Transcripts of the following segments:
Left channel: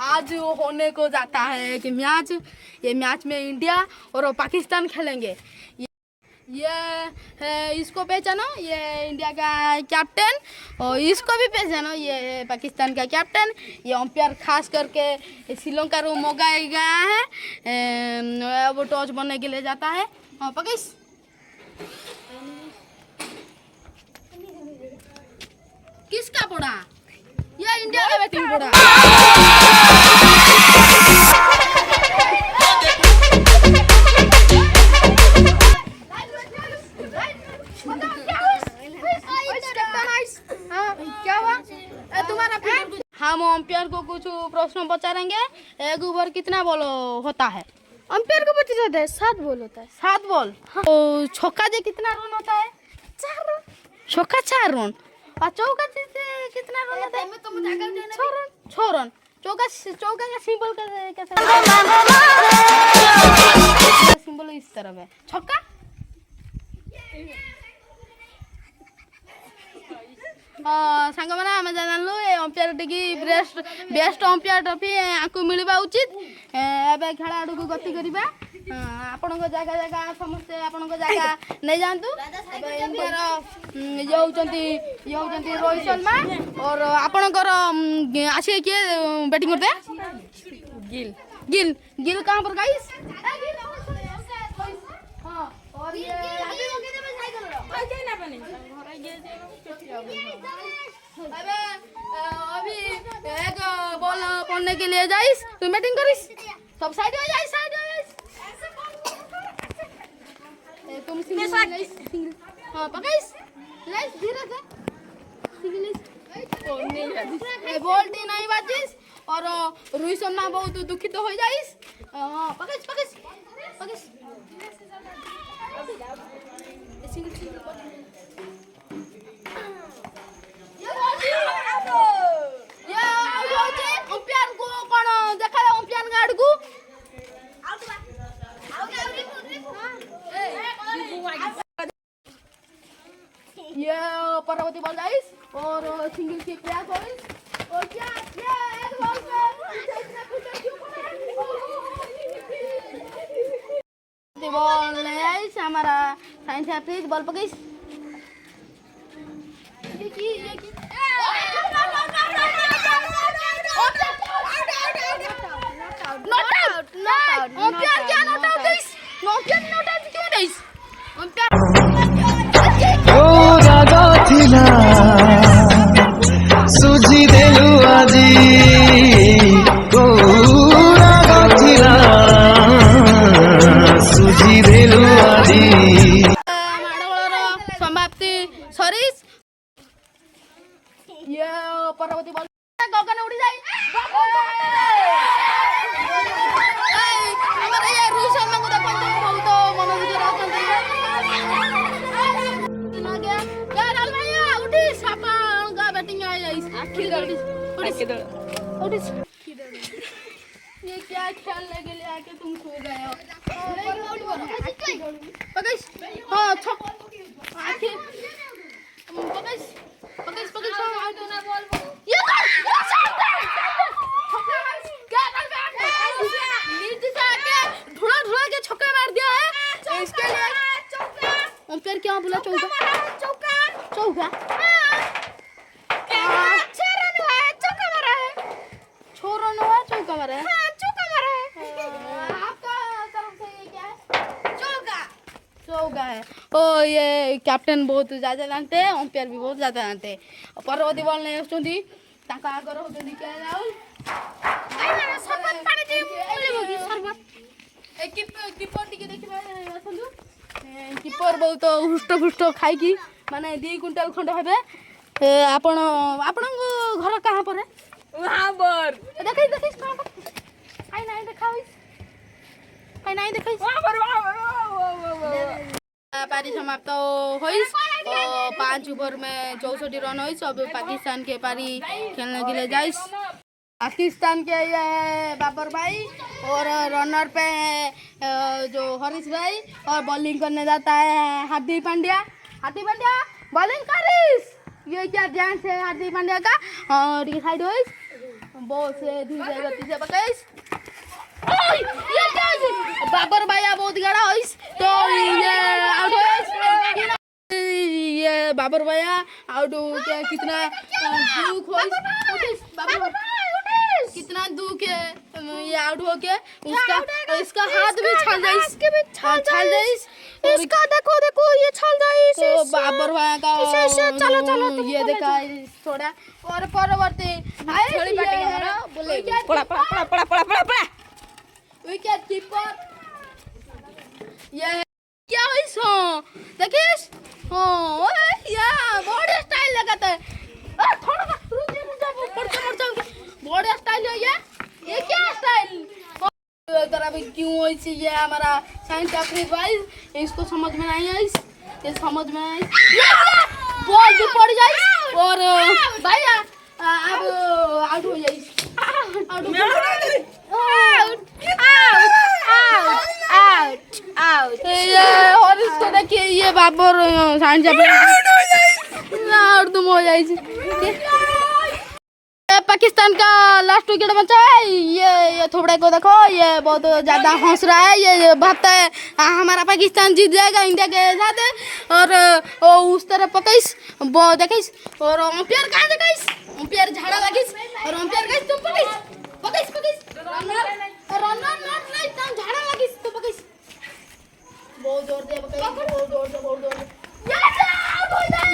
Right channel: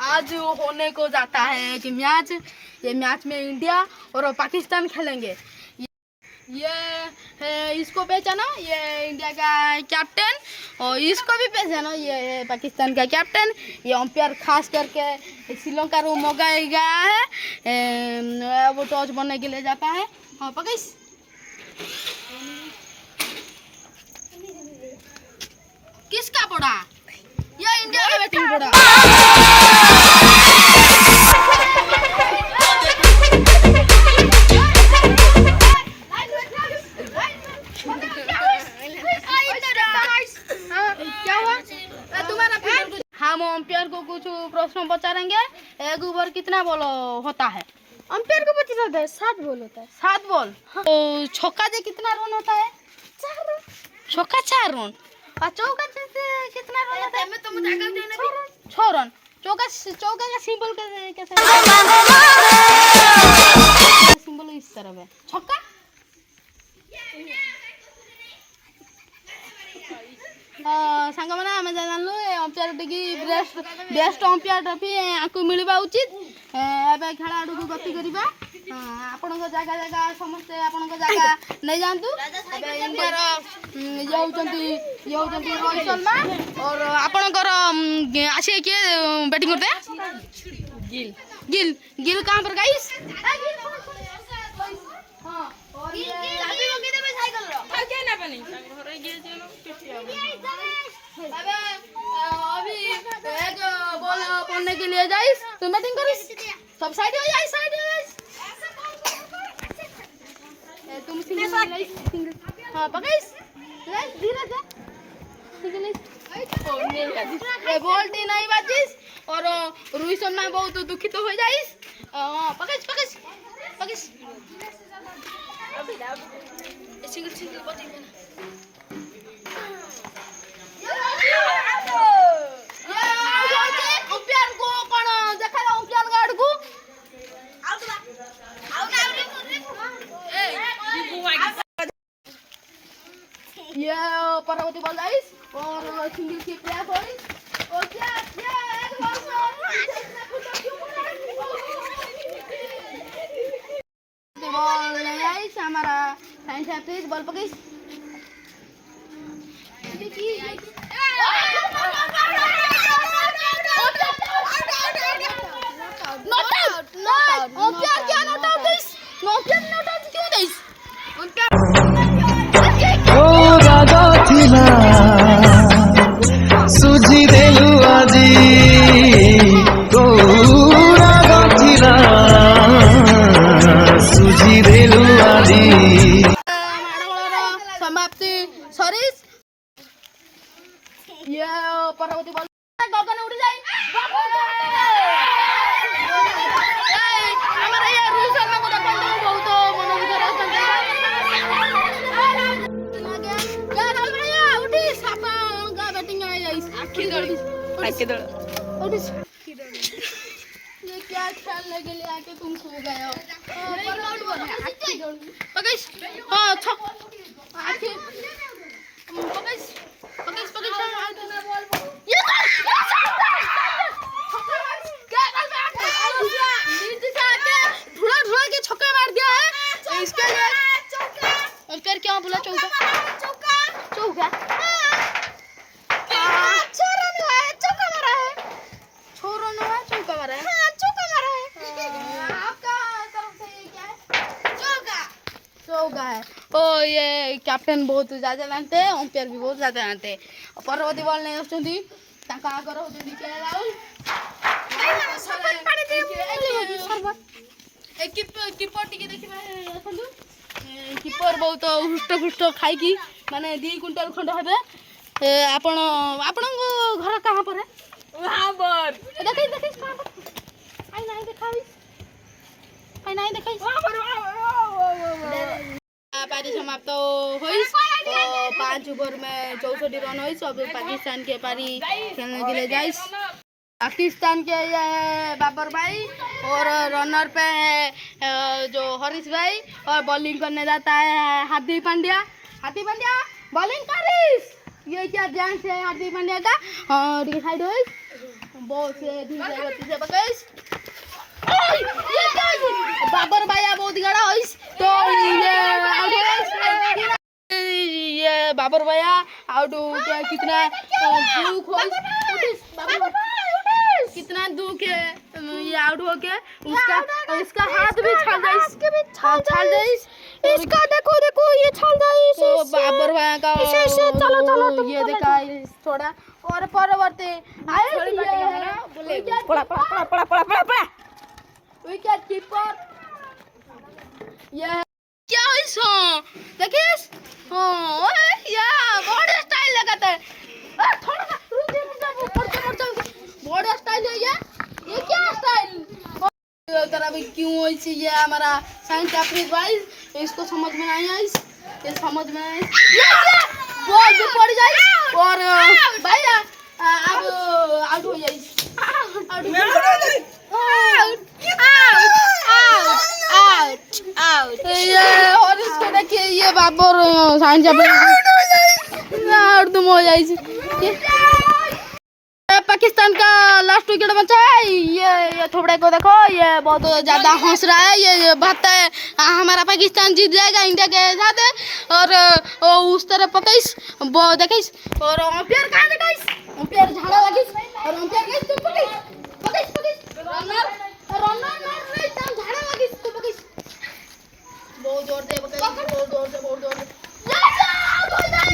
आज होने को जाता है कि मैच, ये मैच में इंडिया और पाकिस्तान खेलेंगे। ये इसको पहचानो, ये इंडिया का कैप्टन, और इसको भी पहचानो, ये पाकिस्तान का कैप्टन। ये अंपायर खास करके श्रीलंका रो मौका गया है, वो टॉस बनने के लिए जाता है। हाँ पकिस किसका पड़ा? ये इंडिया का बैटिंग पड़ा। हम अंपायर को कुछ प्रश्न पचारेंगे। एक ओवर कितना बॉल होता है? अंपायर को पता चलता है 7 बॉल होता है। 7 बॉल। तो छक्का से कितना रन होता है? 4 रन। छक्का 4 रन और चौका से कितना रन होता है? 6 रन। चौका का सिंबल कैसे? सिंबल इस तरफ है। छक्का सांग मैंने आम जानलु अंपायर टी बेस्ट अंपायर ट्रॉफी आपको मिलवा उचित। एवं खेल आड़ को गति करवा आपण जगह जगह समस्ते आपण जगह नहीं जातु। इंडिया ये होती रोहित शर्मा और आपणकर आसिए किए बैटिंग करते हैं? गिल। गिल गिल कहाँ पर गाइस? अभी एक बॉल पड़ने के लिए जाइस, तुम बैटिंग करिस, सब साइड हो जाइस, साइड हो जाइस, तुम सिंगल पकड़िस, लेस धीरे से सिंगल ए बॉल टी नहीं बाजिस और रोहित शर्मा बहुत दुखित हो जाइस। पकड़िस पकड़िस पकड़िस सिंगल सिंगल बॉटिंग अंपायर को कौन देखा अंपायर गार्ड को ये परवर्ती बॉल गाइस और सिंगल की प्रयास हो और क्या एक बॉल बॉल गाइस हमारा साइंस है बॉल पकड़ सुझी देलु आजी सुझी देलु आजी समाप्ति सरीस। ये परवर्ती बॉल गगन उड़ी जाए हमारे ये रूस में को देखो बहुत मन विचार आछंती क्या डाल भैया उठी सापा का बैटिंग आई आखिर गाड़ी आके दो उठी ये क्या खेल लगे ले आके तुम सो गए हो? पकड़ हां छक आखिर पकड़ ये ढूंढा के छक्का मार दिया है। इसके लिए अंपायर क्या बोला? चौका अच्छा रन हुआ है, चौका मारा है। 6 रन हुआ है, चौका मारा है। हाँ चौका मारा है। आपका तरफ से ये क्या है? चौका है। तो ये कैप्टन बहुत ज्यादा जानते हैं, अंपायर भी बहुत ज्यादा जानते हैं। परवर्ती बॉल नहीं होती ताका आगर होती क्या राहुल कीपर टिके देखिबा अछंदु कीपर बहुत हुष्ट खाई माने 2 क्विंटल खंड हेबे। आपण घर कहां पर है? वहां पर देखै कहां पर? आई नहीं देखै वहां पर पारी समाप्त होइस। 5 ओवर में 64 रन होइस। अब पाकिस्तान के पारी खेलने के लिए जाइस। पाकिस्तान के ये है बाबर भाई और रनर पे है जो हरीश भाई और बॉलिंग करने जाता है हार्दिक पांड्या। बॉलिंग करिस। ये क्या डांस है हार्दिक पांड्या का? और ये साइड होइस बहुत से धीरे गति से पकाइस ओए ये क्या बाबर भाया बहुत गड़ा होइस तो ये आउट होइस ये बाबर भाया आउट क्या कितना दुख होइस बाबर कितना दुख है ये आउट हो के उसका इसका हाथ भी छल जाइस के भी छल जाइस इसका देखो देखो ये छल जाइस तो बाबर भाया का इसे चलो चलो तुम ये देखा थोड़ा और परवर्ती पड़ा पड़ा पड़ा पड़ा पड़ा पड़ा पड़ा विकेट कीपर ये क्या है सो देखिस हां ये बॉडी स्टाइल लगाता है थोड़ा बॉडी स्टाइल है ये क्या स्टाइल तरह भी क्यों ऐसी ये हमारा साइंस कैप्टन भाई इसको समझ में नहीं आई ये समझ में नहीं बॉल भी पड़ जाए और भैया अब आउट हो जाए ये और इसको देखिए ये बाबर साइंस आउट तुम हो जाए पाकिस्तान का लास्ट विकेट बचा है ये थोड़े को देखो ये बहुत ज्यादा हंस रहा है ये भागता है हमारा पाकिस्तान जीत जाएगा इंडिया के साथ और उस तरफ पकईस वो देखिस और अंपायर कहां देखिस अंपायर झाड़ा लगिस और अंपायर गइस तुम पकईस रनर नहीं तुम झाड़ा लगिस तुम पकईस बहुत जोर से पकईस बहुत जोर से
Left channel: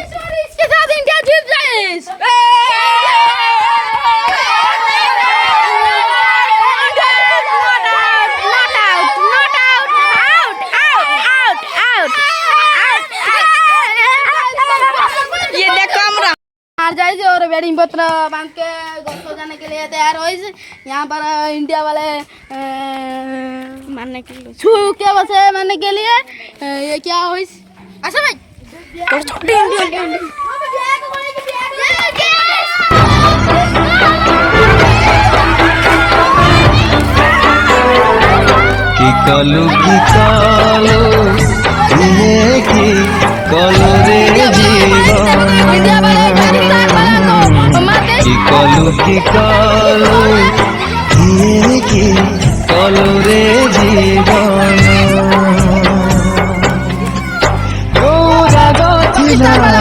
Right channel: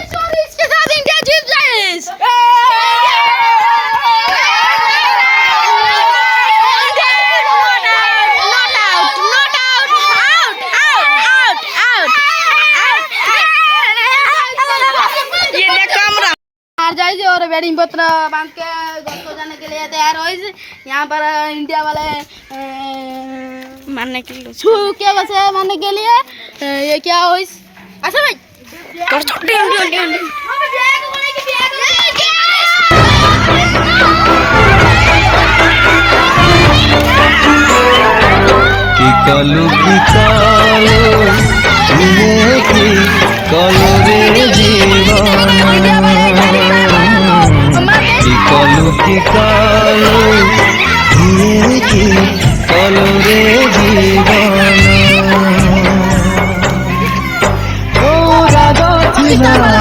सॉरी इसके साथ इंडिया जीत जाए हार जाए और बैटिंग पत्र बांध के घर को जाने के लिए तैयार हो यहाँ पर इंडिया वाले मारने के लिए छू के बस मारने के लिए ये क्या हो अच्छा भाई कि कलु ये कि कलु रे जीवन कि कलु ये कि कलु रे जीवन गोरा गथिला